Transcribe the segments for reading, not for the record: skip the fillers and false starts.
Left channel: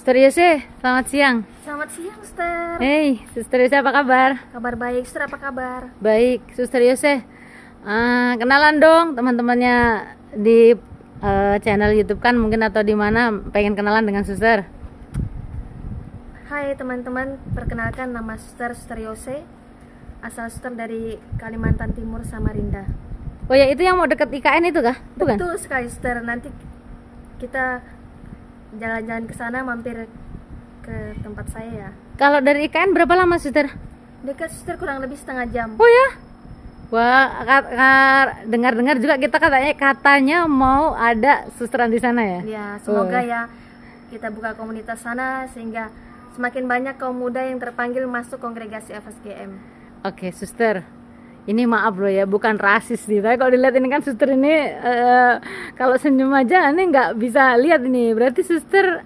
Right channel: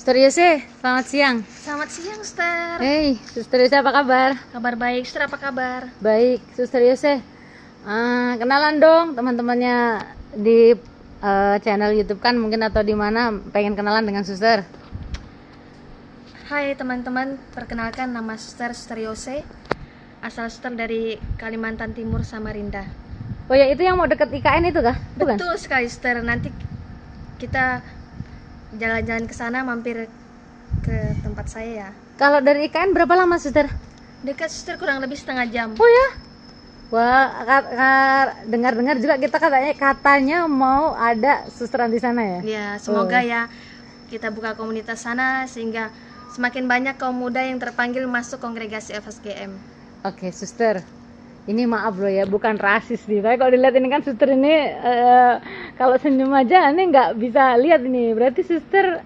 Suster Yose, selamat siang. Selamat siang, Suster. Hey, Suster Yose apa kabar? Kabar baik, Suster, apa kabar? Baik, Suster Yose. Kenalan dong teman-temannya di channel YouTube kan mungkin atau di mana pengen kenalan dengan Suster. Hai teman-teman, perkenalkan nama Suster Yose. Asal Suster dari Kalimantan Timur, Samarinda. Oh ya, itu yang mau deket IKN itu kah? Bukan? Betul sekali, Suster. Nanti kita jalan-jalan ke sana, mampir ke tempat saya ya. Kalau dari IKN berapa lama, Suster? Dekat, Suster, kurang lebih setengah jam. Oh ya? Wah, dengar-dengar juga kita katanya mau ada susteran di sana ya? Ya, semoga ya kita buka komunitas sana sehingga semakin banyak kaum muda yang terpanggil masuk kongregasi FSGM. Oke, Suster. Ini maaf loh ya, bukan rasis nih. Tapi kalau dilihat ini kan Suster ini kalau senyum aja ini nggak bisa lihat ini. Berarti Suster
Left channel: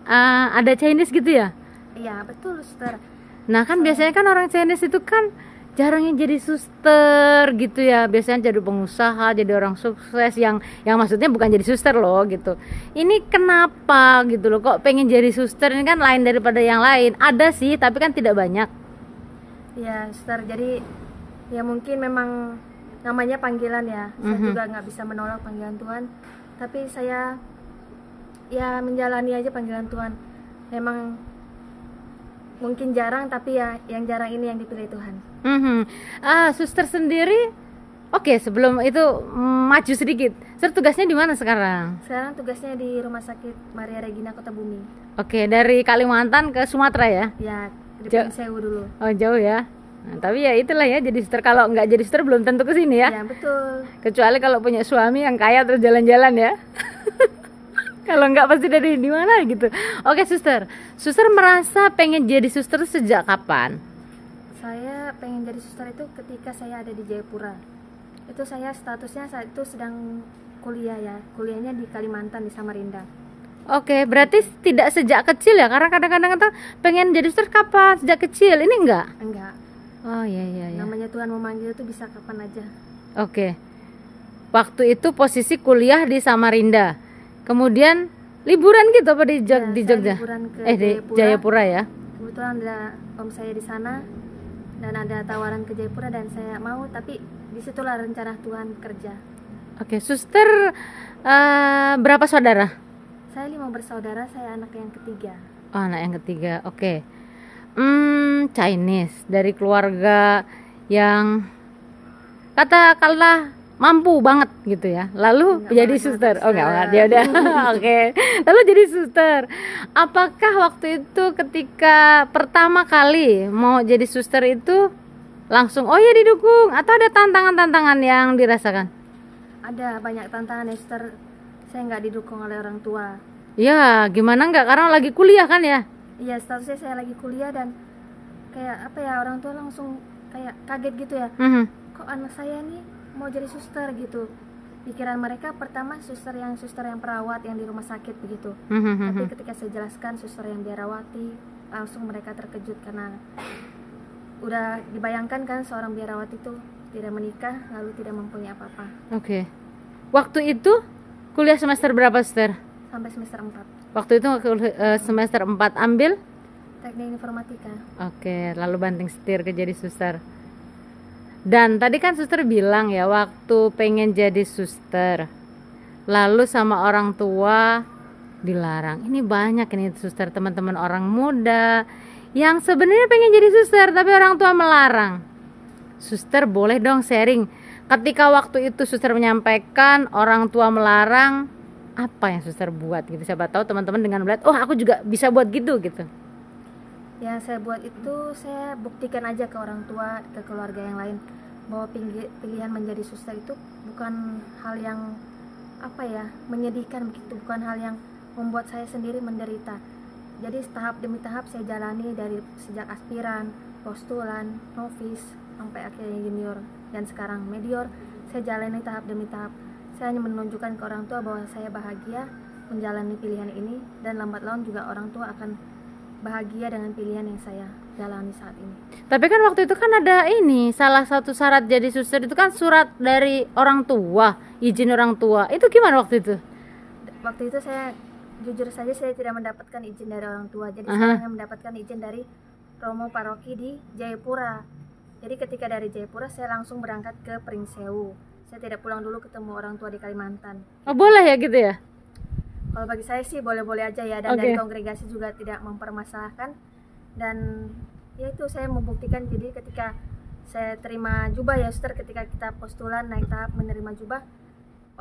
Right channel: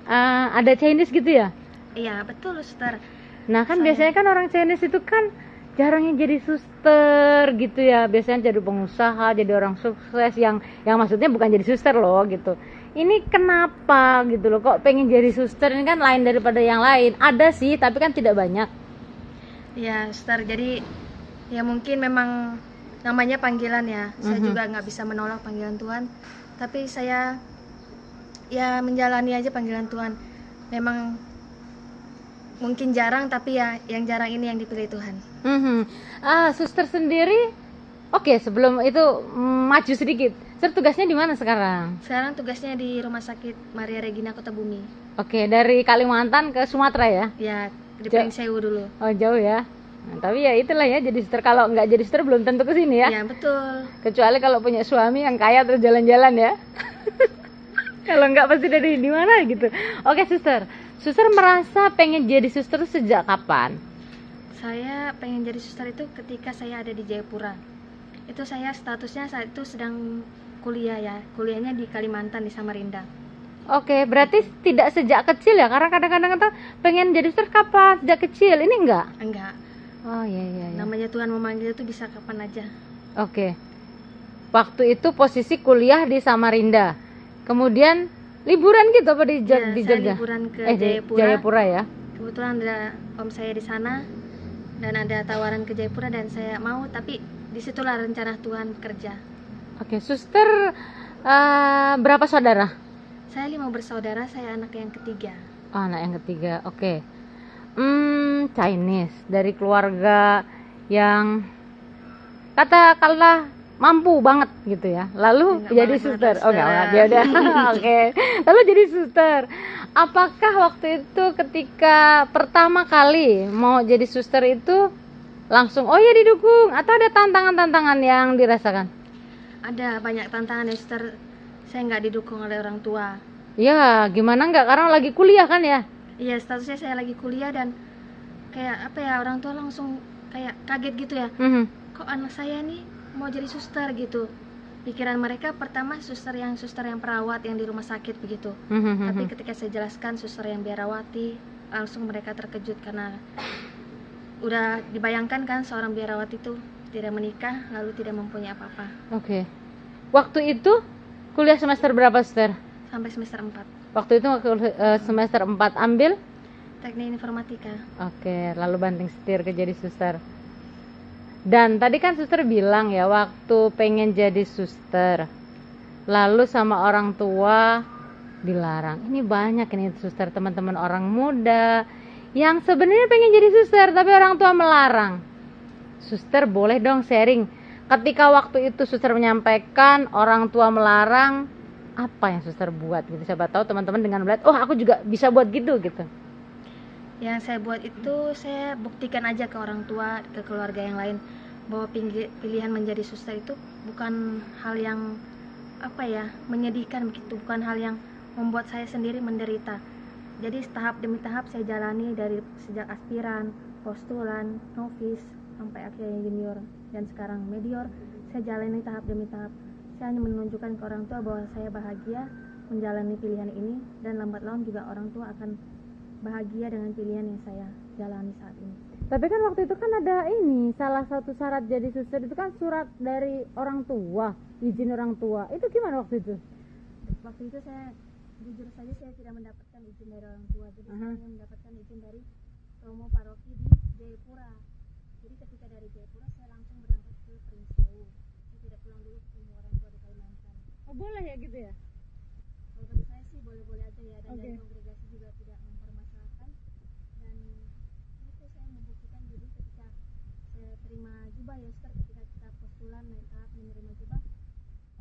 ada Chinese gitu ya? Iya, betul, Suster. Nah kan biasanya kan orang Chinese itu kan jarangnya jadi suster gitu ya. Biasanya jadi pengusaha, jadi orang sukses yang maksudnya bukan jadi suster loh gitu. Ini kenapa gitu loh, kok pengen jadi suster? Ini kan lain daripada yang lain. Ada sih, tapi kan tidak banyak. Ya, Suster, jadi ya mungkin memang namanya panggilan ya. Saya juga nggak bisa menolak panggilan Tuhan, tapi saya ya menjalani aja panggilan Tuhan. Memang mungkin jarang, tapi ya yang jarang ini yang dipilih Tuhan. Suster sendiri, oke, sebelum itu maju sedikit. Suster tugasnya di mana sekarang? Sekarang tugasnya di Rumah Sakit Maria Regina Kota Bumi. Oke, dari Kalimantan ke Sumatera ya? Ya, di Pringsewu dulu. Oh, jauh ya. Nah, tapi ya itulah ya, jadi suster. Kalau nggak jadi suster belum tentu ke sini ya. Ya, betul. Kecuali kalau punya suami yang kaya terus jalan-jalan ya. Kalau nggak pasti dari di mana gitu. Oke, Suster. Suster merasa pengen jadi suster sejak kapan? Saya pengen jadi suster itu ketika saya ada di Jayapura. Itu saya statusnya saat itu sedang kuliah ya. Kuliahnya di Kalimantan, di Samarinda. Oke, berarti tidak sejak kecil ya? Karena kadang-kadang kan pengen jadi suster kapan? Sejak kecil. Ini enggak? Enggak. Oh iya. Namanya Tuhan memanggil itu bisa kapan aja. Oke. Waktu itu posisi kuliah di Samarinda. Kemudian liburan gitu apa di Ya, di saya Jogja? liburan ke Di Jayapura. Jayapura ya. Kebetulan ada om saya di sana dan ada tawaran ke Jayapura dan saya mau, tapi disitulah rencana Tuhan kerja. Oke, Suster berapa saudara? Saya 5 bersaudara, saya anak yang ketiga. Oh, anak yang ketiga. Oke. Chinese dari keluarga yang katakanlah mampu banget gitu ya. Lalu Enggak jadi banget, suster. Suster. Oh, enggak dia udah. Oke. Lalu jadi suster. Apakah waktu itu ketika pertama kali mau jadi suster itu langsung oh ya didukung atau ada tantangan-tantangan yang dirasakan? Ada banyak tantangan ya, Suster. Saya nggak didukung oleh orang tua. Ya, gimana enggak karena lagi kuliah kan ya? Iya, statusnya saya lagi kuliah dan kayak apa ya, orang tua langsung kayak kaget gitu ya. Kok anak saya nih mau jadi suster gitu. Pikiran mereka pertama suster yang perawat yang di rumah sakit begitu. Tapi ketika saya jelaskan suster yang biarawati, langsung mereka terkejut karena udah dibayangkan kan seorang biarawati itu tidak menikah lalu tidak mempunyai apa-apa. Oke. Waktu itu kuliah semester berapa, Suster? Sampai semester 4. Waktu itu semester 4 ambil Teknik informatika. Oke, lalu banting setir ke jadi suster. Dan tadi kan suster bilang ya waktu pengen jadi suster lalu sama orang tua dilarang. Ini banyak ini suster, teman-teman orang muda yang sebenarnya pengen jadi suster tapi orang tua melarang. Suster boleh dong sharing. Ketika waktu itu suster menyampaikan orang tua melarang, apa yang suster buat gitu? Siapa tahu teman-teman dengan melihat, oh aku juga bisa buat gitu. Yang saya buat itu saya buktikan aja ke orang tua, ke keluarga yang lain bahwa pilihan menjadi suster itu bukan hal yang apa ya, menyedihkan begitu, bukan hal yang membuat saya sendiri menderita. Jadi tahap demi tahap saya jalani dari sejak aspiran, postulan, novis sampai akhirnya junior dan sekarang medior. Saya jalani tahap demi tahap. Saya hanya menunjukkan ke orang tua bahwa saya bahagia menjalani pilihan ini dan lambat laun juga orang tua akan bahagia dengan pilihan yang saya jalani saat ini. Tapi kan waktu itu kan ada ini, salah satu syarat jadi suster itu kan surat dari orang tua, izin orang tua. Itu gimana waktu itu? Waktu itu saya jujur saja saya tidak mendapatkan izin dari orang tua. Jadi Aha. saya hanya mendapatkan izin dari Romo Paroki di Jayapura. Jadi ketika dari Jayapura saya langsung berangkat ke Pringsewu. Saya tidak pulang dulu ketemu orang tua di Kalimantan. Oh, boleh ya gitu ya? Kalau bagi saya sih boleh-boleh aja ya, dan Oke. dari kongregasi juga tidak mempermasalahkan. Dan ya itu saya membuktikan, jadi ketika saya terima jubah ya suster, ketika kita postulan naik tahap menerima jubah,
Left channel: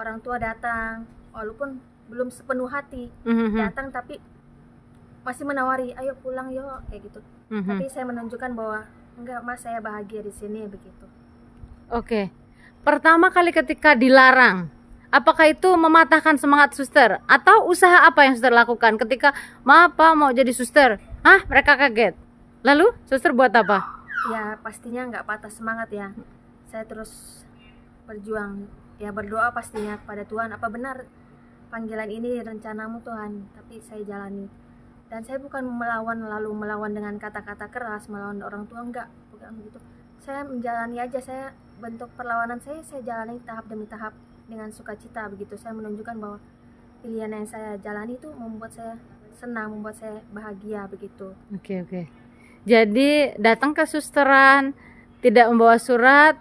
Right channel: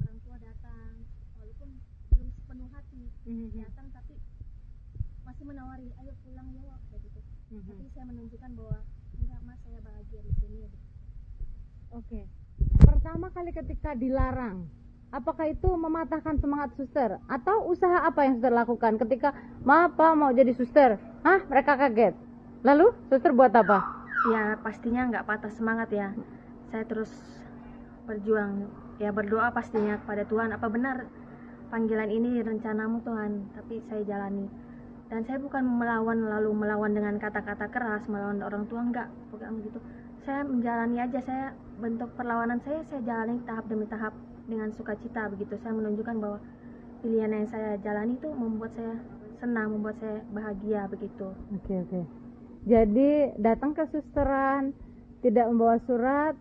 orang tua datang walaupun belum sepenuh hati Mhm. datang, tapi masih menawari ayo pulang yuk kayak gitu. Mhm. Tapi saya menunjukkan bahwa enggak mas, saya bahagia di sini begitu. Oke. Pertama kali ketika dilarang, apakah itu mematahkan semangat suster? Atau usaha apa yang suster lakukan ketika maaf Pak, mau jadi suster? Hah? Mereka kaget. Lalu suster buat apa? Ya pastinya nggak patah semangat ya, saya terus berjuang ya, berdoa pastinya kepada Tuhan, apa benar panggilan ini rencanamu Tuhan, tapi saya jalani. Dan saya bukan melawan dengan kata-kata keras, melawan orang tua, enggak, bukan begitu. Saya menjalani aja, saya bentuk perlawanan saya jalani tahap demi tahap dengan sukacita begitu. Saya menunjukkan bahwa pilihan yang saya jalani itu membuat saya senang, membuat saya bahagia begitu. Oke. Jadi datang ke susteran, tidak membawa surat,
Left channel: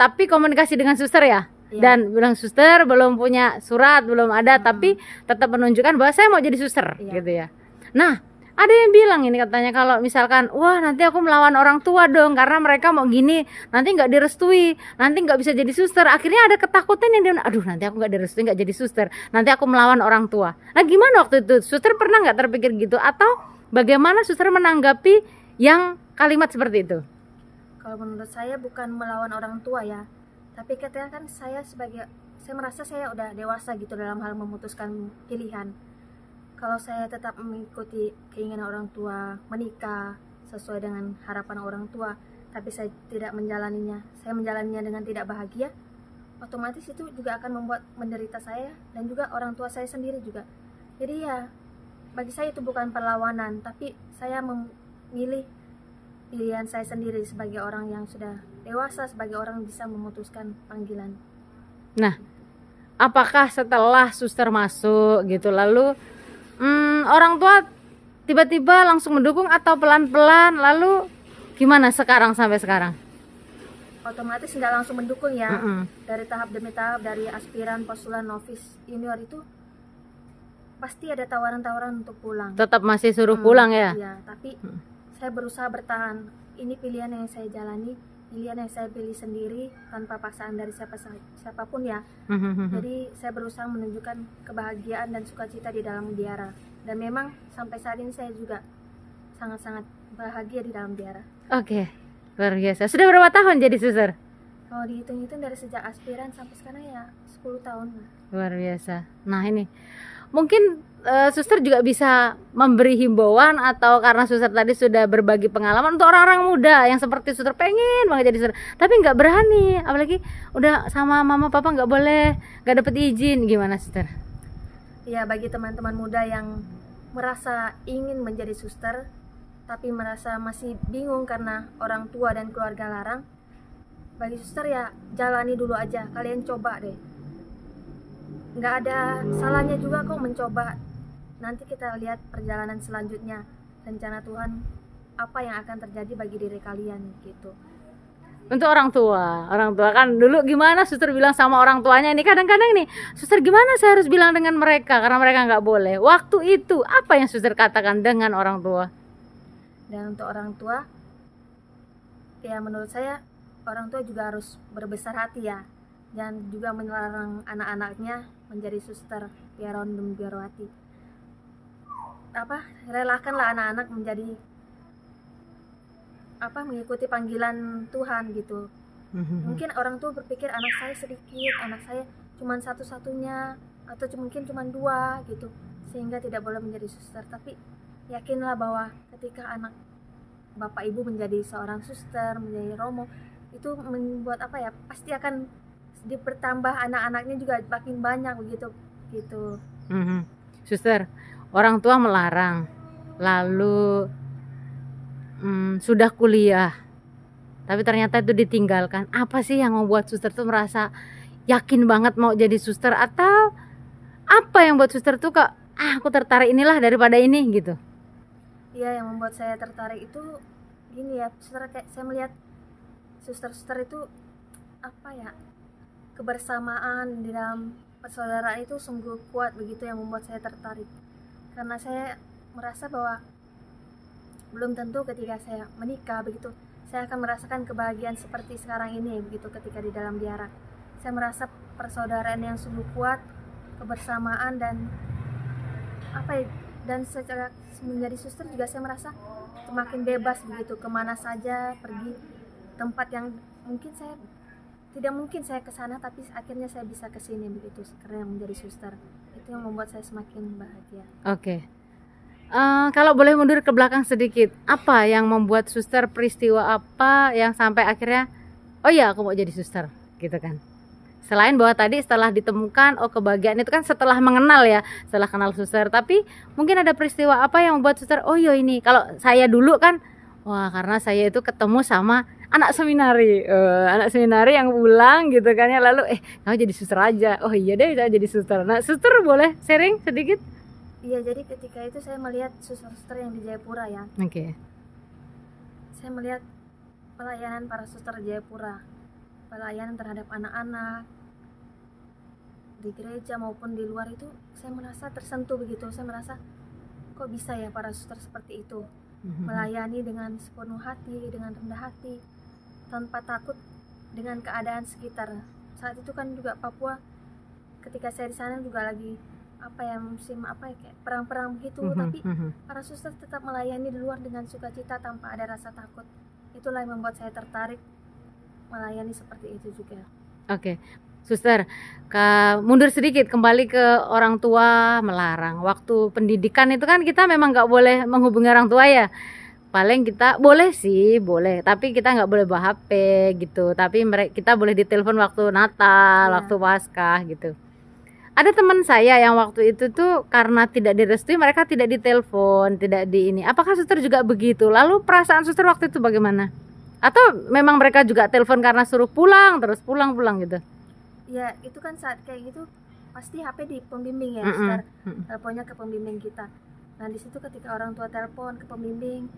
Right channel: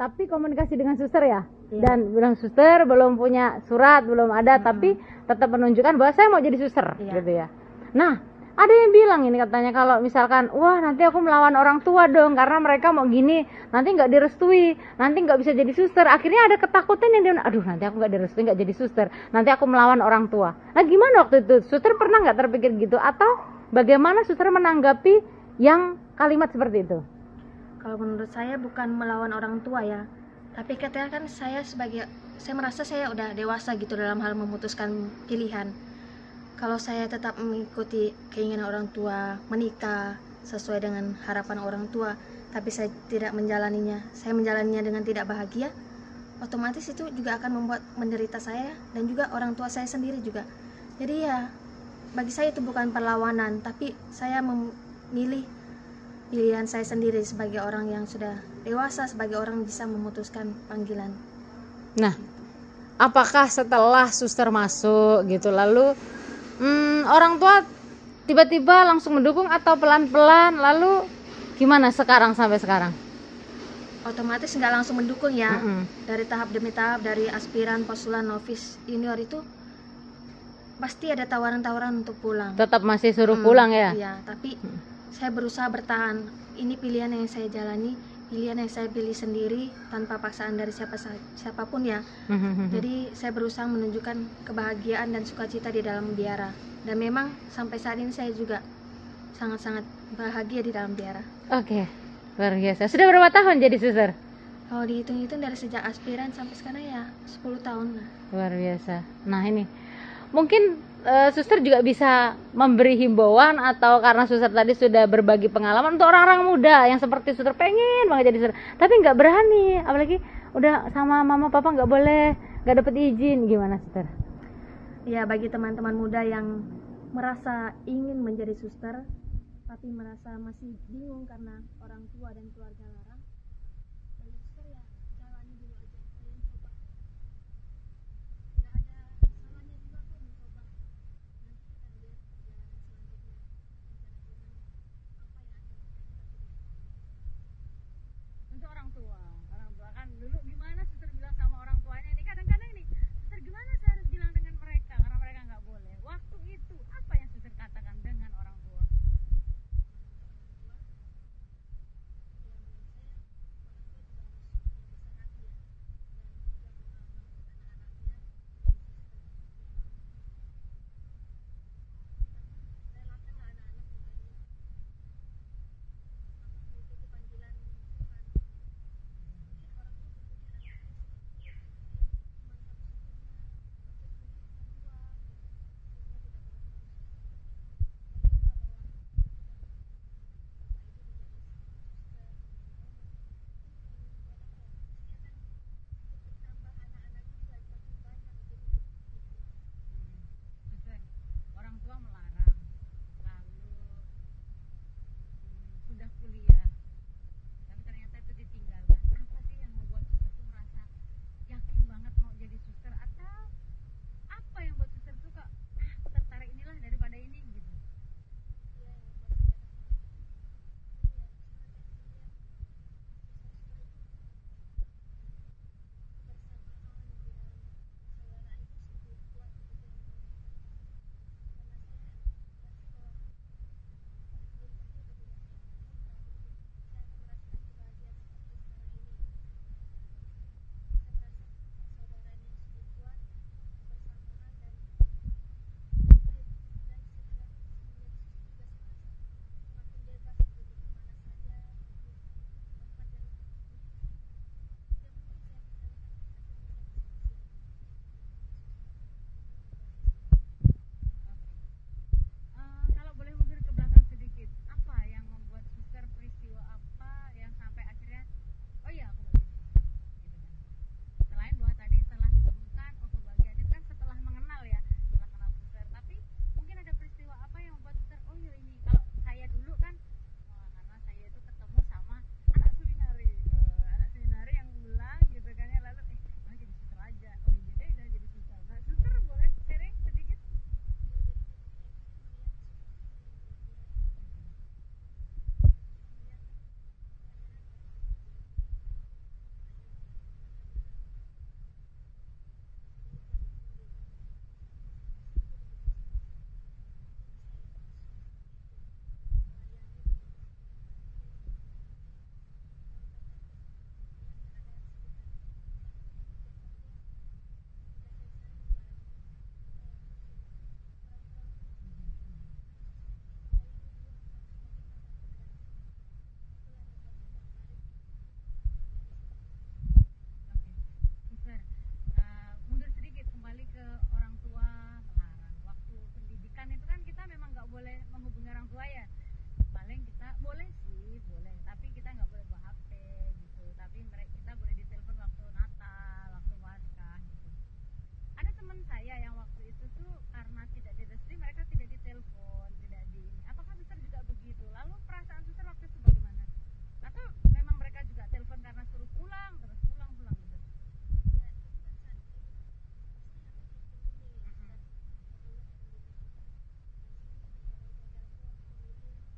tapi komunikasi dengan suster ya? Iya. Dan bilang suster belum punya surat, belum ada, tapi tetap menunjukkan bahwa saya mau jadi suster, Iya. gitu ya. Nah, ada yang bilang ini katanya kalau misalkan, wah nanti aku melawan orang tua dong karena mereka mau gini, nanti nggak direstui, nanti nggak bisa jadi suster. Akhirnya ada ketakutan yang dia, aduh nanti aku nggak direstui, nggak jadi suster, nanti aku melawan orang tua. Nah gimana waktu itu? Suster pernah nggak terpikir gitu? Atau bagaimana suster menanggapi yang kalimat seperti itu? Kalau menurut saya bukan melawan orang tua ya, tapi ketika kan saya merasa saya udah dewasa gitu dalam hal memutuskan pilihan. Kalau saya tetap mengikuti keinginan orang tua, menikah sesuai dengan harapan orang tua, tapi saya tidak menjalaninya, saya menjalaninya dengan tidak bahagia, otomatis itu juga akan membuat menderita saya dan juga orang tua saya sendiri juga. Jadi ya, bagi saya itu bukan perlawanan, tapi saya memilih pilihan saya sendiri sebagai orang yang sudah dewasa, sebagai orang yang bisa memutuskan panggilan. Nah, apakah setelah suster masuk gitu lalu orang tua tiba-tiba langsung mendukung atau pelan-pelan, lalu gimana sekarang sampai sekarang? Otomatis nggak langsung mendukung ya. Mm-mm. Dari tahap demi tahap, dari aspiran, postulan, novis, junior itu pasti ada tawaran-tawaran untuk pulang. Tetap masih suruh pulang ya? Iya, tapi saya berusaha bertahan. Ini pilihan yang saya jalani, pilihan yang saya pilih sendiri tanpa paksaan dari siapapun ya. Jadi saya berusaha menunjukkan kebahagiaan dan sukacita di dalam biara. Dan memang sampai saat ini saya juga sangat-sangat bahagia di dalam biara. Oke, luar biasa. Sudah berapa tahun jadi suster? Kalau dihitung-hitung dari sejak aspiran sampai sekarang ya 10 tahun lah. Luar biasa. Nah ini mungkin suster juga bisa memberi himbauan, atau karena suster tadi sudah berbagi pengalaman untuk orang-orang muda yang seperti suster pengen banget jadi suster tapi nggak berani, apalagi udah sama mama papa nggak boleh, nggak dapet izin, gimana suster? Ya, bagi teman-teman muda yang merasa ingin menjadi suster tapi merasa masih bingung karena orang tua dan keluarga larang, bagi suster ya jalani dulu aja, kalian coba deh, nggak ada salahnya juga kok mencoba. Nanti kita lihat perjalanan selanjutnya, rencana Tuhan apa yang akan terjadi bagi diri kalian gitu. Untuk orang tua kan dulu gimana suster bilang sama orang tuanya, ini kadang-kadang nih suster gimana saya harus bilang dengan mereka karena mereka nggak boleh. Waktu itu apa yang suster katakan dengan orang tua? Dan untuk orang tua ya menurut saya orang tua juga harus berbesar hati ya, dan juga melarang anak-anaknya menjadi suster biarawati dan biarawati. Relakanlah anak-anak menjadi mengikuti panggilan Tuhan gitu. Mungkin orang tua berpikir anak saya sedikit, anak saya cuma satu-satunya, atau mungkin cuma 2 gitu, sehingga tidak boleh menjadi suster. Tapi yakinlah bahwa ketika anak bapak ibu menjadi seorang suster, menjadi romo, itu membuat pasti akan bertambah anak-anaknya juga makin banyak begitu gitu. Suster, orang tua melarang, lalu sudah kuliah tapi ternyata itu ditinggalkan. Apa sih yang membuat suster tuh merasa yakin banget mau jadi suster, atau apa yang buat suster tuh kok aku tertarik inilah daripada ini gitu. Iya, yang membuat saya tertarik itu gini ya, suster, kayak saya melihat suster-suster itu apa ya, kebersamaan di dalam persaudaraan itu sungguh kuat begitu, yang membuat saya tertarik. Karena saya merasa bahwa belum tentu ketika saya menikah begitu saya akan merasakan kebahagiaan seperti sekarang ini begitu ketika di dalam biara. Saya merasa persaudaraan yang sungguh kuat, kebersamaan, dan apa ya, dan secara menjadi suster juga saya merasa semakin bebas begitu, kemana saja pergi, tempat yang mungkin saya tidak mungkin saya ke sana tapi akhirnya saya bisa ke sini begitu karena menjadi suster. Itu yang membuat saya semakin bahagia. Oke. Kalau boleh mundur ke belakang sedikit, apa yang membuat suster, peristiwa apa yang sampai akhirnya oh ya aku mau jadi suster gitu kan? Selain bahwa tadi setelah ditemukan oh kebahagiaan itu kan setelah mengenal ya, setelah kenal suster, tapi mungkin ada peristiwa apa yang membuat suster oh yo ini. Kalau saya dulu kan wah karena saya itu ketemu sama anak seminari yang pulang gitu kan ya, lalu kamu jadi suster aja, oh iya deh saya jadi suster. Nah suster boleh sharing sedikit? Iya, jadi ketika itu saya melihat suster-suster yang di Jayapura ya. Oke. Saya melihat pelayanan para suster di Jayapura, pelayanan terhadap anak-anak di gereja maupun di luar, itu saya merasa tersentuh begitu. Saya merasa kok bisa ya para suster seperti itu, melayani dengan sepenuh hati, dengan rendah hati, tanpa takut dengan keadaan sekitar. Saat itu kan juga Papua, ketika saya di sana juga lagi apa ya, musim apa ya, kayak perang-perang begitu, tapi para suster tetap melayani di luar dengan sukacita tanpa ada rasa takut. Itulah yang membuat saya tertarik melayani seperti itu juga. Oke. Suster, mundur sedikit kembali ke orang tua melarang. Waktu pendidikan itu kan kita memang nggak boleh menghubungi orang tua ya. Paling kita boleh sih, boleh, tapi kita nggak boleh bawa HP gitu. Tapi kita boleh ditelepon waktu Natal, waktu Paskah gitu. Ada teman saya yang waktu itu tuh karena tidak direstui mereka tidak ditelepon, tidak di ini. Apakah suster juga begitu? Lalu perasaan suster waktu itu bagaimana? Atau memang mereka juga telepon karena suruh pulang terus pulang gitu? Ya itu kan saat kayak gitu pasti HP di pembimbing ya, suster. Teleponnya ke pembimbing kita. Nah di situ ketika orang tua telepon ke pembimbing,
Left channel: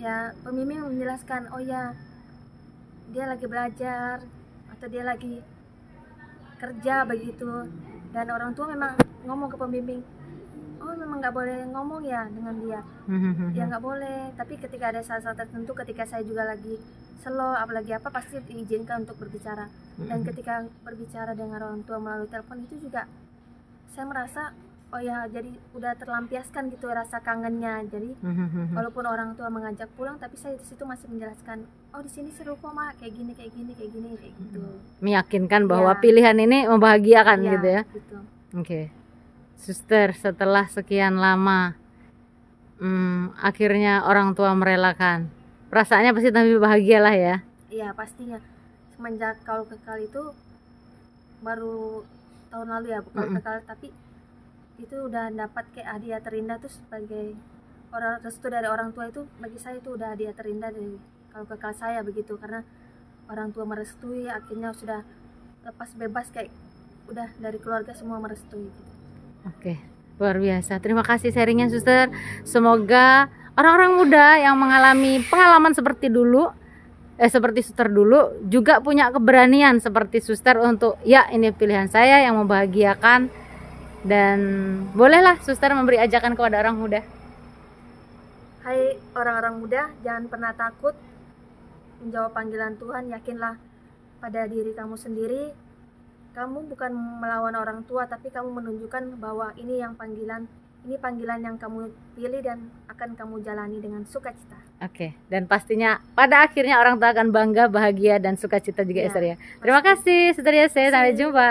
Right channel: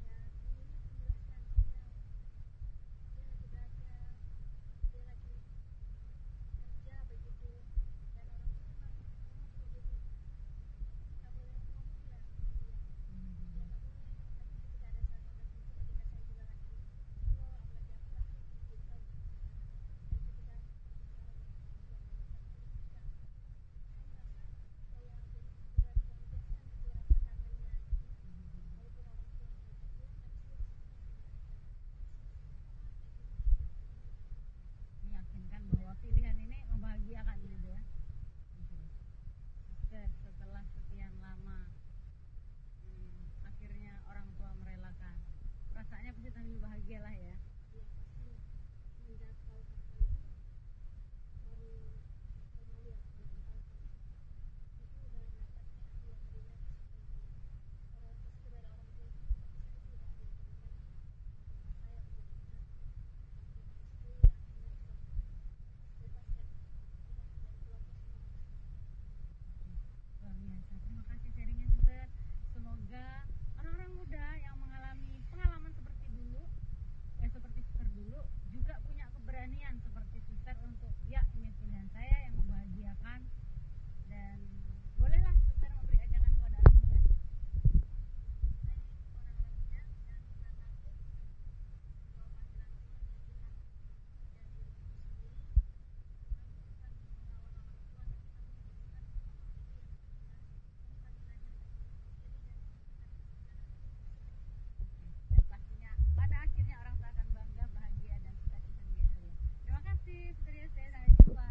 ya pembimbing menjelaskan oh ya dia lagi belajar atau dia lagi kerja begitu. Dan orang tua memang ngomong ke pembimbing, oh memang nggak boleh ngomong ya dengan dia, ya nggak boleh. Tapi ketika ada saat-saat tertentu, ketika saya juga lagi slow, apalagi apa, pasti diizinkan untuk berbicara. Dan ketika berbicara dengan orang tua melalui telepon itu juga saya merasa oh ya jadi udah terlampiaskan gitu rasa kangennya. Jadi walaupun orang tua mengajak pulang, tapi saya di situ masih menjelaskan oh di sini seru kok mak, kayak gini kayak gitu. Meyakinkan bahwa pilihan ini membahagiakan gitu ya. Gitu. Oke. Suster, setelah sekian lama akhirnya orang tua merelakan, perasaannya pasti lebih bahagia lah ya. Iya pastinya. Semenjak Kaul Kekal itu baru tahun lalu ya, bukan Kekal, tapi itu udah dapat kayak hadiah terindah tuh sebagai restu dari orang tua. Itu bagi saya itu udah hadiah terindah dari Kaul Kekal saya begitu, karena orang tua merestui, akhirnya sudah lepas bebas, kayak udah dari keluarga semua merestui gitu. Oke, luar biasa. Terima kasih sharingnya suster. Semoga orang-orang muda yang mengalami pengalaman seperti dulu seperti suster dulu juga punya keberanian seperti suster untuk ya ini pilihan saya yang membahagiakan. Dan bolehlah suster memberi ajakan kepada orang muda. Hai orang-orang muda, jangan pernah takut menjawab panggilan Tuhan. Yakinlah pada diri kamu sendiri. Kamu bukan melawan orang tua, tapi kamu menunjukkan bahwa ini panggilan yang kamu pilih dan akan kamu jalani dengan sukacita. Oke, dan pastinya pada akhirnya orang tua akan bangga, bahagia, dan sukacita juga ya, Esther ya. Terima kasih Suster Yese, sampai jumpa.